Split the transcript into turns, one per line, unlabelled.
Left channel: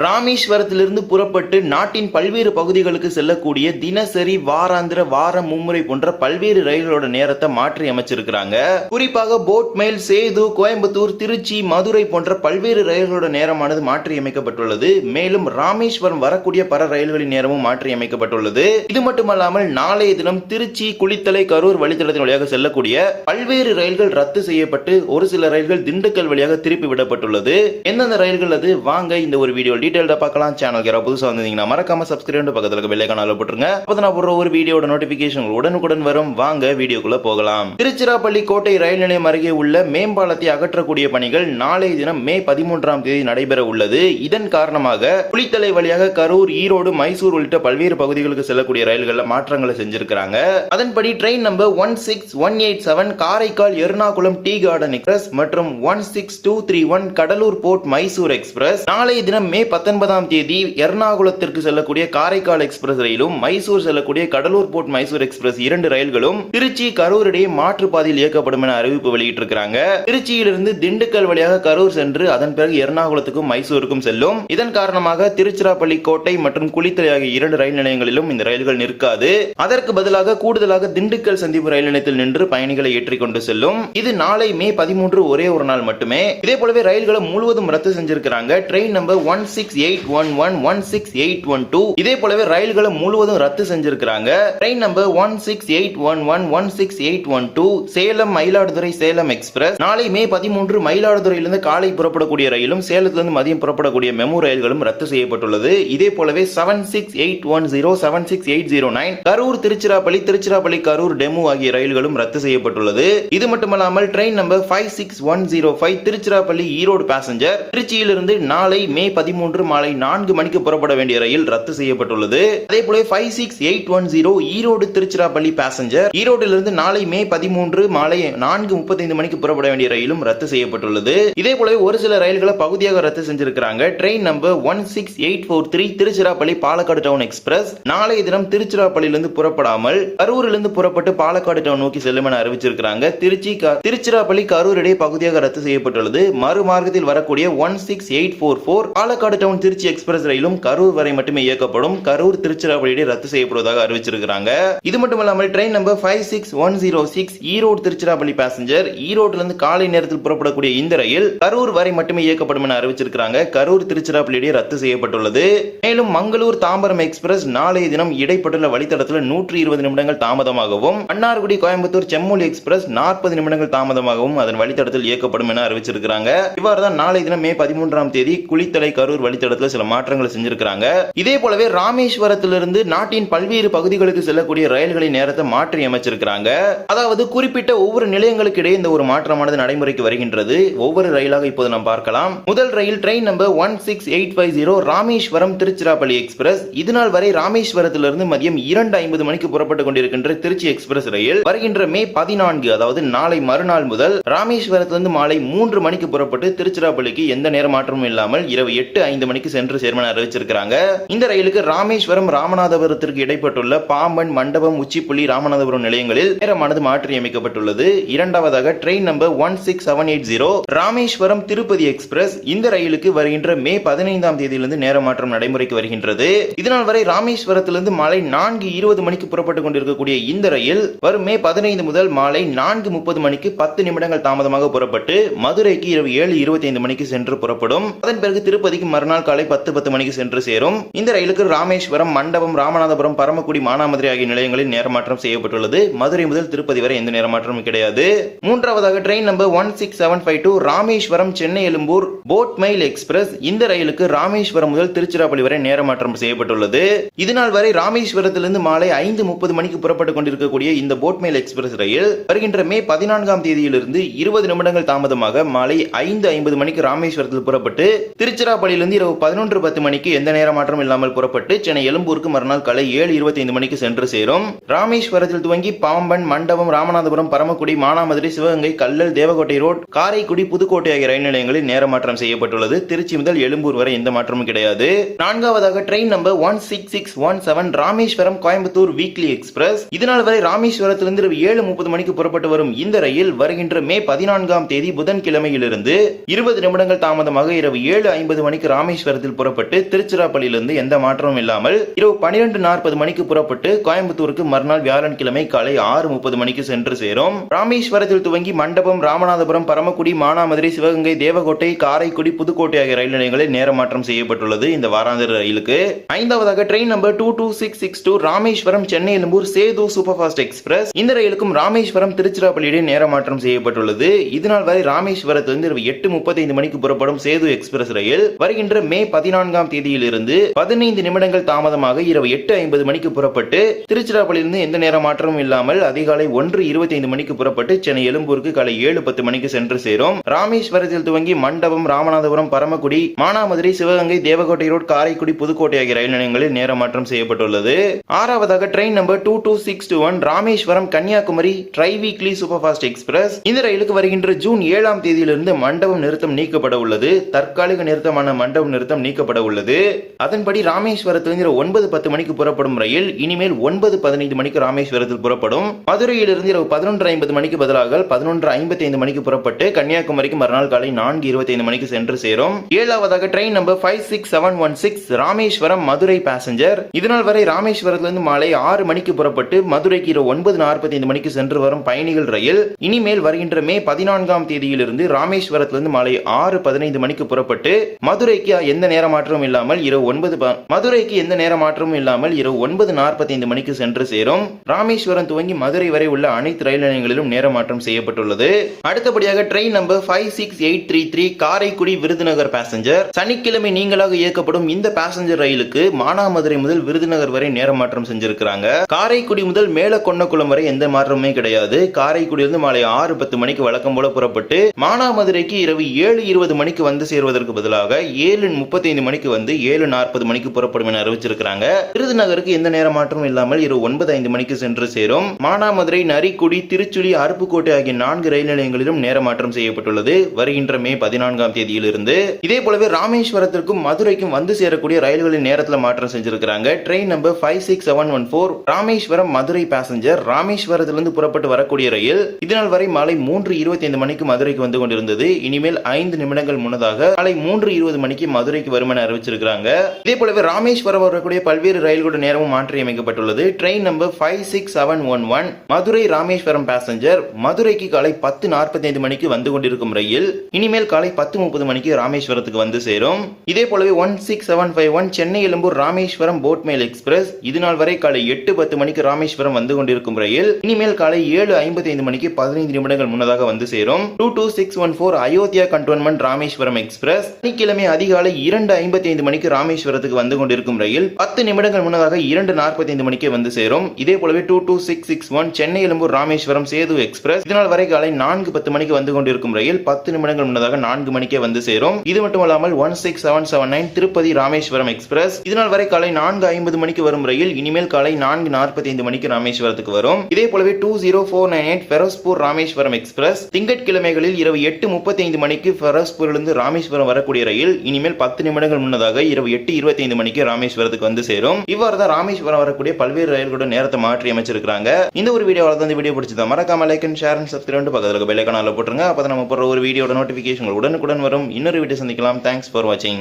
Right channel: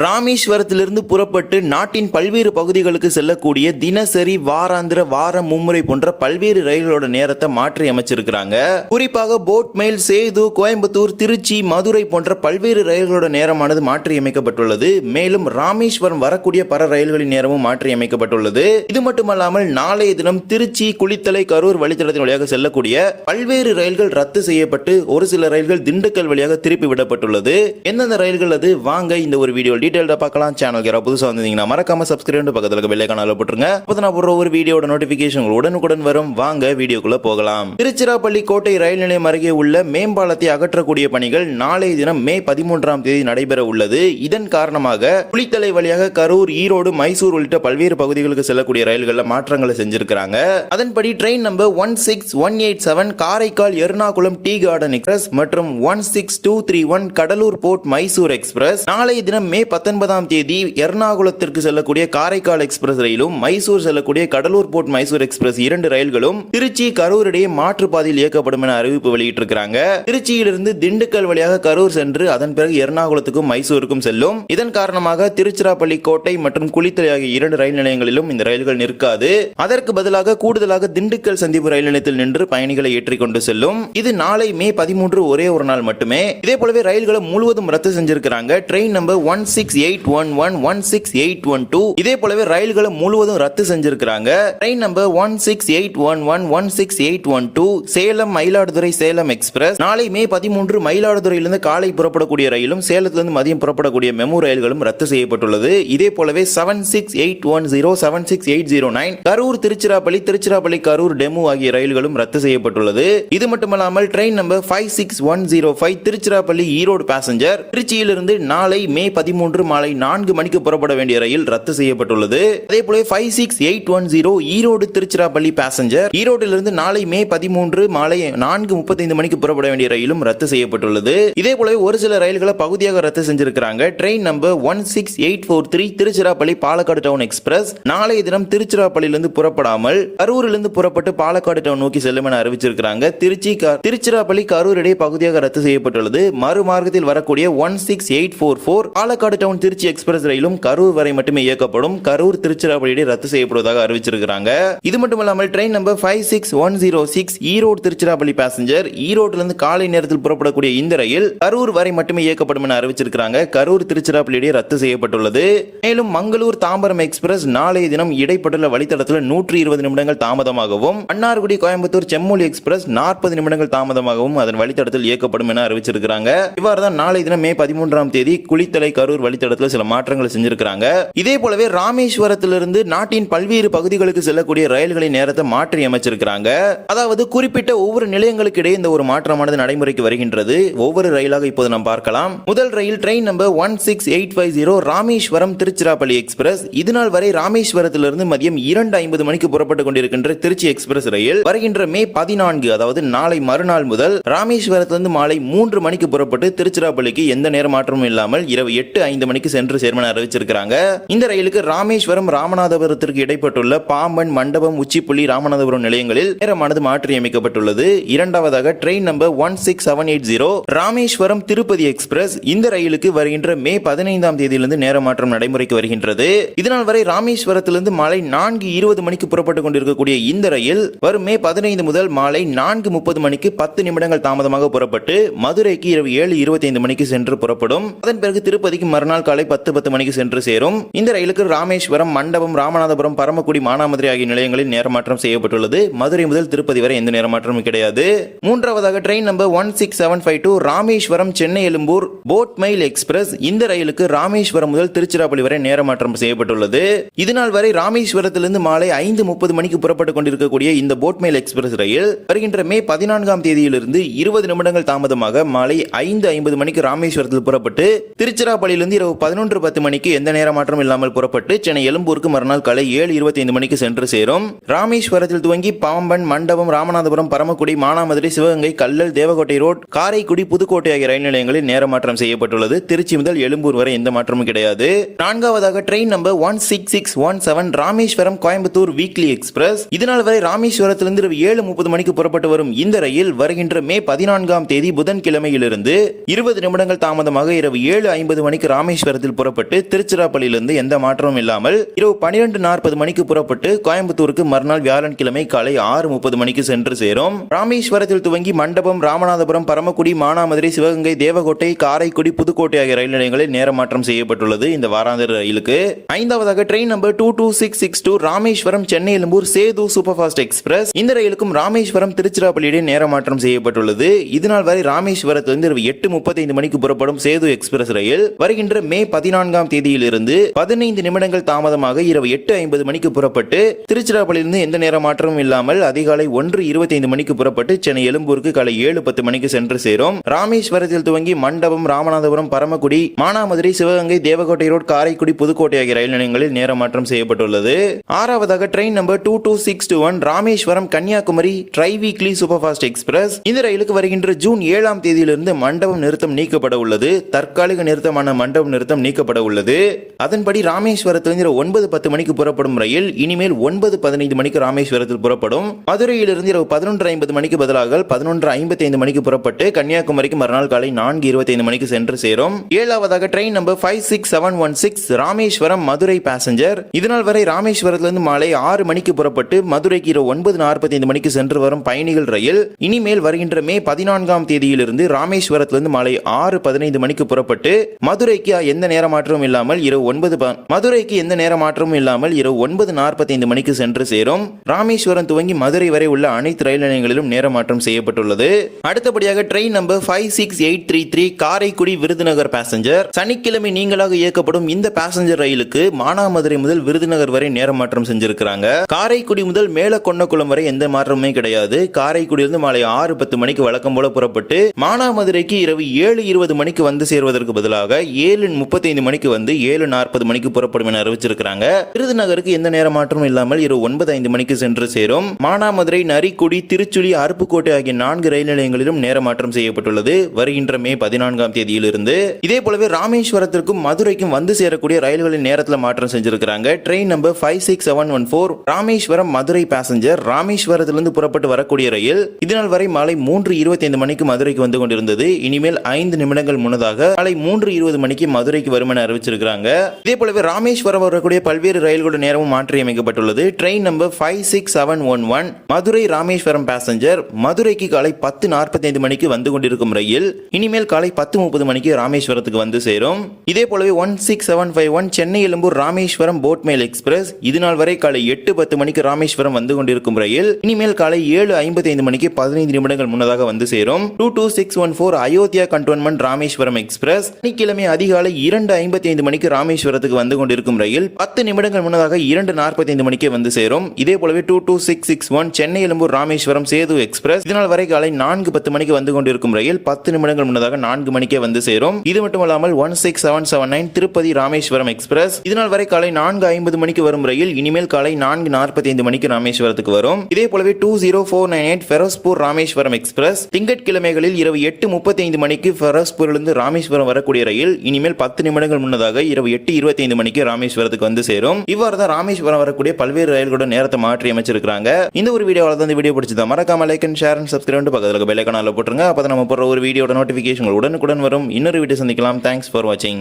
ராமேஸ்வரத்திலிருந்து புறப்பட்டு நாட்டின் பல்வேறு பகுதிகளுக்கு செல்லக்கூடிய தினசரி வாராந்திர வார மும்முறை போன்ற பல்வேறு ரயில்களோட நேரத்தை மாற்றி அமைச்சிருக்கிறாங்க. குறிப்பாக போட் மெயில் சேது கோயம்புத்தூர் திருச்சி மதுரை போன்ற பல்வேறு ரயில்களோட நேரமானது மாற்றி அமைக்கப்பட்டுள்ளது. மேலும் ராமேஸ்வரம் வரக்கூடிய பல ரயில்களின் நேரமும் மாற்றி அமைக்கப்பட்டுள்ளது. இது மட்டுமல்லாமல் நாளைய தினம் திருச்சி குளித்தலை கரூர் வழித்தடத்தின் வழியாக செல்லக்கூடிய பல்வேறு ரயில்கள் ரத்து செய்யப்பட்டு ஒரு சில ரயில்கள் திண்டுக்கல் வழியாக திருப்பி விடப்பட்டுள்ளது. எந்தெந்த ரயில்கள் அது? வாங்க இந்த ஒரு வீடியோ டீடைல்டா பார்க்கலாம். சேனல் யாராவது புதுசாக வந்தீங்கன்னா மறக்காம சப்ஸ்கிரைப் பக்கத்துல இருக்க பெல்லை காணால போட்டுருங்க. அப்போ நான் போடுற ஒரு வீடியோட நோட்டிபிகேஷன் உடனுக்குடன் வரும். வாங்க வீடியோக்குள்ள போகலாம். திருச்சிராப்பள்ளி கோட்டை ரயில் நிலையம் அருகே உள்ள மேம்பாலத்தை அகற்றக்கூடிய பணிகள் நாளைய தினம் மே பதிமூன்றாம் தேதி நடைபெற உள்ளது. இதன் காரணமாக குளித்தலை வழியாக கரூர் ஈரோடு மைசூர் உள்ளிட்ட பல்வேறு பகுதிகளுக்கு செல்லக்கூடிய ரயில்களில் மாற்றங்களை செஞ்சிருக்கிறாங்க. அதன்படி train number one six one eight seven Karaikal Ernakulam tea garden express மற்றும் one six two three one Cuddalore port Mysore express நாளைய தினம் மே பத்தொன்பதாம் தேதி எர்ணாகுளத்திற்கு செல்லக்கூடிய காரைக்கால் எக்ஸ்பிரஸ் ரயிலும் மைசூர் செல்லக்கூடிய கடலூர் போர்ட் மைசூர் எக்ஸ்பிரஸ் இரண்டு ரயில்களும் திருச்சி கரூர் இடையே மாற்றுப்பாதையில் இயக்கப்படும் என அறிவிப்பு வெளியிட்டிருக்கிறாங்க. திருச்சியிலிருந்து திண்டுக்கல் வழியாக கரூர் சென்று அதன் பிறகு எர்ணாகுளத்துக்கும் மைசூருக்கும் செல்லும். இதன் காரணமாக திருச்சிராப்பள்ளி கோட்டை மற்றும் குளித்தலை ஆகிய இரண்டு ரயில் நிலையங்களிலும் இந்த ரயில்கள் நிற்காது. அதற்கு பதிலாக கூடுதலாக திண்டுக்கல் சந்திப்பு ரயில் நிலையத்தில் நின்று பயணிகளை ஏற்றிக்கொண்டு செல்லும். இது நாளை மே பதிமூன்று ஒரே ஒரு நாள் மட்டுமே. இதே போலவே ரயில்களை முழுவதும் ரத்து செஞ்சிருக்கிறாங்க. Train number one six eight one one one six eight one two இதே போலவே ரயில்களை முழுவதும் ரத்து செஞ்சிருக்கிறாங்க. Train number one six eight one one one six eight one two Salem Mayiladuthurai Salem express நாளை மே பதிமூன்று மயிலாடுதுறையிலிருந்து காலை புறப்படக்கூடிய ரயிலும் சேலத்திலிருந்து மதியம் புறப்படக்கூடிய மெமு ரயில்களும் ரத்து செய்யப்பட்டுள்ளது. இதே போலவே seven six eight one zero seven six eight zero nine Karur Tiruchirappalli Tiruchirappalli Karur DEMU ஆகிய ரயில்களும் ரத்து செய்யப்பட்டுள்ளது. இது மட்டுமல்லாமல் train number five six one zero five Tiruchirappalli Erode passenger திருச்சியிலிருந்து நாளை மே பதிமூன்று மாலை நான்கு மணிக்கு புறப்பட வேண்டிய ரயில் ரத்து செய்யப்பட்டுள்ளது. அதே போல five six eight one zero Erode Tiruchirappalli passenger ஈரோட்டிலிருந்து நாளை மே பதிமூன்று மாலை நான்கு முப்பத்தைந்து மணிக்கு புறப்பட வேண்டிய ரயிலும் ரத்து செய்யப்பட்டுள்ளது. இதே போல ஒரு சில ரயில்களை பகுதியாக ரத்து செஞ்சிருக்கிறாங்க. Train number one six eight four three Tiruchirappalli Palakkad town express நாளைய தினம் திருச்சிராப்பள்ளியிலிருந்து புறப்படாமல் கரூரிலிருந்து புறப்பட்டு பாலக்காடு டவுன் நோக்கி செல்லும் என அறிவிச்சிருக்கிறாங்க. திருச்சி திருச்சிராப்பள்ளி கரூர் இடையே பகுதியாக ரத்து செய்யப்பட்டுள்ளது. மறுமார்க்கத்தில் வரக்கூடிய one six eight four four Palakkad town Trichy express ரயிலும் கரூர் வரை மட்டுமே இயக்கப்படும். கரூர் திருச்சிராப்பள்ளி இடையே ரத்து செய்யப்படுவதாக அறிவிச்சிருக்காங்க இது மட்டும் இல்லாமல் train number five six one zero six Erode Tiruchirappalli passenger ஈரோட்டிலிருந்து காலை நேரத்தில் புறப்படக்கூடிய இந்த ரயில் கரூர் வரை மட்டுமே இயக்கப்படும் என அறிவிச்சிருக்காங்க கரூர் திருச்சிராப்பள்ளி இடையே ரத்து செய்யப்பட்டுள்ளது. மேலும் மங்களூர் தாம்பரம் எக்ஸ்பிரஸ் நாளைய தினம் இடைப்பட்டுள்ள வழித்தடத்தில் நூற்றி இருபது நிமிடங்கள் தாமதமாகவும் மன்னார்குடி கோயம்புத்தூர் செம்மொழி எக்ஸ்பிரஸ் நாற்பது நிமிடங்கள் தாமதமாகவும் அதன் வழித்தடத்தில் இயக்கப்படும் என அறிவிச்சிருக்கிறாங்க. இவ்வாறு தான் நாளைய தினம் மே பதிமூன்றாம் தேதி குளித்தலை கரூர் வழித்தடத்தில் சில மாற்றங்களை செஞ்சிருக்கிறாங்க. இதே போலவே ராமேஸ்வரத்திலிருந்து நாட்டின் பல்வேறு பகுதிகளுக்கு செல்லக்கூடிய ரயில்களின் நேரத்தை மாற்றி அமைச்சிருக்கிறாங்க. அதாவது குறிப்பிட்ட ஒவ்வொரு நிலையங்களுக்கு இடையே இந்த ஒரு மாற்றமானது நடைமுறைக்கு வருகின்றது. ஒவ்வொரு ரயிலாக இப்போது நாம் பார்க்கலாம். முதல் ரயில் train number one six eight five zero Rameswaram Tiruchirappalli express. இதுநாள் வரை ராமேஸ்வரத்திலிருந்து மதியம் இரண்டு ஐம்பது மணிக்கு புறப்பட்டுக் கொண்டிருக்கின்ற திருச்சி எக்ஸ்பிரஸ் ரயில். வருகின்ற மே பதினான்கு அதாவது நாளை மறுநாள் முதல் ராமேஸ்வரத்திலிருந்து மாலை மூன்று மணிக்கு புறப்பட்டு திருச்சிராப்பள்ளிக்கு எந்த நேர மாற்றமும் இல்லாமல் இரவு எட்டு ஐந்து ஐந்து மணிக்கு சென்று சேர்மன் அறிவிச்சிருக்கிறாங்க. இந்த ரயிலுக்கு ராமேஸ்வரம் ராமநாதபுரத்திற்கு இடைப்பட்டுள்ள பாம்பன் மண்டபம் உச்சிப்புள்ளி ராமநாதபுரம் நிலையங்களில் நேரமானது மாற்றியமைக்கப்பட்டுள்ளது. இரண்டாவதாக train number one six seven eight zero Rameswaram Tirupati express இந்த ரயிலுக்கு வருகின்ற மே பதினைந்தாம் தேதியிலிருந்து நேர மாற்றம் நடைமுறைக்கு வருகின்றது. இதனால் வரை ராமேஸ்வரத்திலிருந்து மாலை நான்கு இருபது மணிக்கு புறப்பட்டுக் கொண்டிருக்கக்கூடிய இந்த ரயில் வரும் மே பதினைந்து முதல் மாலை நான்கு முப்பது மணிக்கு பத்து நிமிடங்கள் தாமதமாக புறப்பட்டு மதுரைக்கு இரவு ஏழு இருபத்தி ஐந்து மணிக்கு சென்று புறப்படும். அதன் பிறகு திருப்பதிக்கு மறுநாள் காலை பத்து பத்து மணிக்கு சென்று சேரும். இந்த ரயிலுக்கு ராமேஸ்வரம் மண்டபம் ராமநாதபுரம் பரமக்குடி மானாமதுரை ஆகிய நிலையங்களில் நேரமாற்றம் செய்யப்பட்டுள்ளது. மதுரை முதல் திருப்பதி வரை எந்த நேரமாற்றமும் கிடையாது. மூன்றாவதாக train number one six seven five two Rameswaram Chennai Egmore boat mail express. இந்த ரயிலுக்கு ராமேஸ்வரம் முதல் திருச்சிராப்பள்ளி வரை நேரமாற்றம் செய்யப்பட்டுள்ளது. இதுநாள் வரை ராமேஸ்வரத்திலிருந்து மாலை ஐந்து முப்பது மணிக்கு புறப்பட்டுக் கொண்டிருக்கக்கூடிய இந்த போட் மெயில் எக்ஸ்பிரஸ் ரயில் வருகின்ற மே பதினான்காம் தேதியிலிருந்து இருபது நிமிடங்கள் தாமதமாக மாலை ஐந்து ஐம்பது மணிக்கு ராமேஸ்வரத்தில் புறப்பட்டு திருச்சிராப்பள்ளியிலிருந்து இரவு பதினொன்று பத்து மணிக்கு எந்த நேர மாற்றம் இல்லாமல் புறப்பட்டு சென்னை எழும்பூருக்கு மறுநாள் காலை ஏழு இருபத்தி ஐந்து மணிக்கு சென்று சேரும். ராமேஸ்வரத்தில் துவங்கி பாம்பன் மண்டபம் ராமநாதபுரம் பரமக்குடி மானாமதுரை சிவகங்கை கல்லல் தேவகோட்டை ரோட் காரைக்குடி புதுக்கோட்டை ஆகிய ரயில் நிலையங்களில் நேர மாற்றம் செய்யப்பட்டுள்ளது. திருச்சி முதல் எழும்பூர் வரை எந்த மாற்றமும் கிடையாது. நான்காவதாக train number one six six one seven Rameswaram Coimbatore weekly express இதனால் வரை ராமேஸ்வரத்திலிருந்து இரவு ஏழு முப்பது மணிக்கு புறப்பட்டு வரும் இந்த ரயில் வருகின்ற மே பதினான்காம் தேதி புதன்கிழமையிலிருந்து இருபது நிமிடங்கள் தாமதமாக இரவு ஏழு ஐம்பது மணிக்கு ராமேஸ்வரத்தில் புறப்பட்டு திருச்சிராப்பள்ளியிலிருந்து எந்த மாற்றமும் இல்லாமல் இரவு பனிரெண்டு நாற்பது மணிக்கு புறப்பட்டு கோயம்புத்தூருக்கு மறுநாள் வியாழன்கிழமை காலை ஆறு முப்பது மணிக்கு சென்று சேரும். ராமேஸ்வரத்தில் துவங்கி மண்டபம் ராமநாதபுரம் பரமக்குடி மானாமதுரை சிவகங்கை தேவகோட்டை காரைக்குடி புதுக்கோட்டை ஆகிய ரயில் நிலையங்களில் நேரமாற்றம் செய்யப்பட்டுள்ளது இந்த வாராந்திர ரயிலுக்கு. ஐந்தாவதாக train number two two six six two Rameswaram Chennai Egmore Sethu super fast express. இந்த ரயிலுக்கும் ராமேஸ்வரம் திருச்சிராப்பள்ளியிடையே நேர மாற்றம் செய்யப்பட்டுள்ளது. இதனால் வரை ராமேஸ்வரத்திலிருந்து இரவு எட்டு முப்பத்தைந்து மணிக்கு புறப்படும் சேது எக்ஸ்பிரஸ் ரயில். வருகின்ற மே பதினான்காம் தேதியிலிருந்து பதினைந்து நிமிடங்கள் தாமதமாக இரவு எட்டு ஐம்பது மணிக்கு புறப்பட்டு திருச்சிராப்பள்ளியிலிருந்து எந்த நேர மாற்றமும் இல்லாமல் அதிகாலை ஒன்று இருபத்தைந்து மணிக்கு புறப்பட்டு சென்னை எழும்பூருக்கு காலை ஏழு பத்து மணிக்கு சென்று சேரும். ராமேஸ்வரத்தில் துவங்கி மண்டபம் ராமநாதபுரம் பரமக்குடி மானாமதுரை சிவகங்கை தேவகோட்டை ரோடு காரைக்குடி புதுக்கோட்டை ஆகிய ரயில் நிலையங்களில் நேர மாற்றம் செய்யப்பட்டுள்ளது. ஆறாவதாக train number two two six two one Rameswaram Kanyakumari tri weekly super fast express இந்த ரயிலுக்கு வருகின்ற ஜூன் ஏழாம் தேதியிலிருந்து மண்டபம் நிறுத்தம் நீக்கப்பட உள்ளது. தற்காலிக நிறுத்தமான மண்டபம் இரவு நிறுத்தம் நீக்கப்பட உள்ளது. அதன்படி ராமேஸ்வரத்திலிருந்து ஒன்பது பத்து மணிக்கு புறப்படும் ரயில் இனிமேல் ஒன்பது பதினைந்து மணிக்கு ராமேஸ்வரத்தில் புறப்படும். மதுரையிலிருந்து இரவு பதினொன்று ஐம்பது மணிக்கு பதிலாக பதினொன்று ஐம்பத்தி ஐந்து மணிக்கு புறப்பட்டு கன்னியாகுமரிக்கு மறுநாள் காலை நான்கு இருபத்தி ஐந்து மணிக்கு சென்று சேரும். ஏழாவதாக train number five six seven one six Rameswaram Madurai passenger இதனால் வரை ராமேஸ்வரத்திலிருந்து மாலை ஆறு மணிக்கு புறப்பட்டு மதுரைக்கு இரவு ஒன்பது நாற்பத்தி ஐந்து மணிக்கு சென்று வரும் பயணிகள் ரயில் இனிமேல் வருகின்ற மே பதினான்காம் தேதியிலிருந்து ராமேஸ்வரத்திலிருந்து மாலை ஆறு பதினைந்து மணிக்கு புறப்பட்டு மதுரைக்கு எந்த நேர மாற்றமும் இல்லாமல் இரவு ஒன்பது மதுரைக்கு எந்த நேர மாற்றமும் இல்லாமல் இரவு ஒன்பது நாற்பத்தைந்து மணிக்கு சென்று சேரும். ராமேஸ்வரம் துவங்கி மதுரை வரை உள்ள அனைத்து ரயில் நிலையங்களிலும் நேர மாற்றம் செய்யப்பட்டுள்ளது. அடுத்தபடியாக train number five six eight three three Karaikudi Virudhunagar passenger சனிக்கிழமை நீங்களாக இயக்கப்படும் இந்த பேசஞ்சர் ரயிலுக்கு மானாமதுரை முதல் விருதுநகர் வரை நேர மாற்றம் செஞ்சிருக்கிறாங்க. காரைக்குடி முதல் மேலக்கொன்னக்குளம் வரை எந்த மாற்றமுமே கிடையாது. காரைக்குடியிலிருந்து மாலை ஆறு பத்து மணிக்கு வழக்கம் போல புறப்பட்டு மானாமதுரைக்கு இரவு ஏழு இருபது மணிக்கு வந்து சேருவதற்கு பதிலாக ஏழு ஏழு முப்பத்தைந்து மணிக்கு வந்து ஏழு நாற்பது மணிக்கு புறப்படும் என அறிவிச்சிருக்கிறாங்க. விருதுநகருக்கு எந்த நேர மாற்றமும் இல்லாமல் இரவு ஒன்பது ஐந்து மணிக்கு சென்று சேரும். மானாமதுரை நரிக்குடி திருச்சுழி அருப்புக்கோட்டை ஆகிய நான்கு ரயில் நிலையங்களிலும் நேர மாற்றம் செய்யப்பட்டுள்ளது. வருகின்ற மே பதினான்காம் தேதியிலிருந்து இதே போலவே ராமேஸ்வரத்திற்கும் மதுரைக்கும் வந்து சேரக்கூடிய ரயில்களின் நேரத்தில் மாற்றம் செஞ்சிருக்கிறாங்க. Train number five six seven one four Rameswaram Madurai passenger ராமேஸ்வரத்திலிருந்து புறப்பட்டு வரக்கூடிய ரயில் இதனால் வரை மாலை மூன்று இருபத்தி ஐந்து மணிக்கு மதுரைக்கு வந்து கொண்டிருந்தது. இனிமேல் ஐந்து நிமிடங்கள் முன்னதாக மாலை மூன்று இருபது மணிக்கு மதுரைக்கு வரும் என அறிவிச்சிருக்கிறாங்க. இதே போலவே ராமேஸ்வரம் வரக்கூடிய பல்வேறு ரயில்களோட நேரமும் மாற்றி அமைக்கப்பட்டுள்ளது train number five six seven one one Madurai Rameswaram passenger மதுரைக்கு காலை பத்து நாற்பத்தைந்து மணிக்கு வந்து கொண்டிருக்கும் ரயில் இனிமேல் காலை பத்து முப்பது மணிக்கு ராமேஸ்வரத்துக்கு வந்து சேரும். இதே போலவே one six seven five one Chennai Egmore Rameswaram boat express இது நாள் வரை காலை எட்டு பத்து மணிக்கு ராமேஸ்வரம் வந்து கொண்டிருக்கும் ரயில் இனிமேல் காலை ஏழு ஐம்பத்தி ஐந்து மணிக்கு பதினைந்து நிமிடங்கள் முன்னதாக வந்து சேரும். Two two six one four Ayodhya cantonment Rameswaram express சனிக்கிழமை அதிகாலை இரண்டு ஐம்பத்தி ஐந்து மணிக்கு ராமேஸ்வரத்துக்கு வந்து கொண்டிருக்கும் ரயில் பத்து நிமிடங்கள் முன்னதாக இரண்டு நாற்பத்தி ஐந்து மணிக்கே வந்து சேரும். இதே போலவே two two six six one Chennai Egmore Rameswaram Sethu express இதனால் வரை காலை நான்கு பத்து மணிக்கு வந்து கொண்டிருக்கும் ரயில் பத்து நிமிடங்கள் முன்னதாக நான்கு மணிக்கே வந்து சேரும். இது மட்டுமல்லாமல் one six seven seven nine Tirupati Rameswaram express இதனால் வரை காலை நான்கு ஐம்பது மணிக்கு வரும் ரயில் இனிமேல் காலை நான்கு நாற்பத்தி ஐந்து மணிக்கு ராமேஸ்வரத்துக்கு வரும். இதே போலவே two zero four nine eight Ferozepur Rameswaram express திங்கட்கிழமைகளில் இரவு எட்டு முப்பத்தி ஐந்து மணிக்கு ஃபெரோஸ்பூரிலிருந்து ராமேஸ்வரம் வரக்கூடிய ரயில் இனிமேல் பத்து நிமிடங்கள் முன்னதாக இரவு எட்டு இருபத்தி ஐந்து மணிக்கு ராமேஸ்வரத்துக்கு வந்து சேரும். இவ்வாறு தான் ராமேஸ்வரம் வரக்கூடிய பல்வேறு ரயில்களோட நேரத்தை மாற்றி அமைச்சிருக்காங்க இந்த ஒரு வீடியோவில் தான் இந்த வீடியோ பிடிச்சதா மறக்காம like and share and subscribe பக்கத்தில் பெல் போட்டுருங்க. அப்போ நம்ம போடுற ஒரு வீடியோட நோட்டிஃபிகேஷன் உடனுக்குடன் வரும். இன்னொரு வீடியோ சந்திக்கலாம். தேங்க்ஸ் ஃபார் வாட்சிங்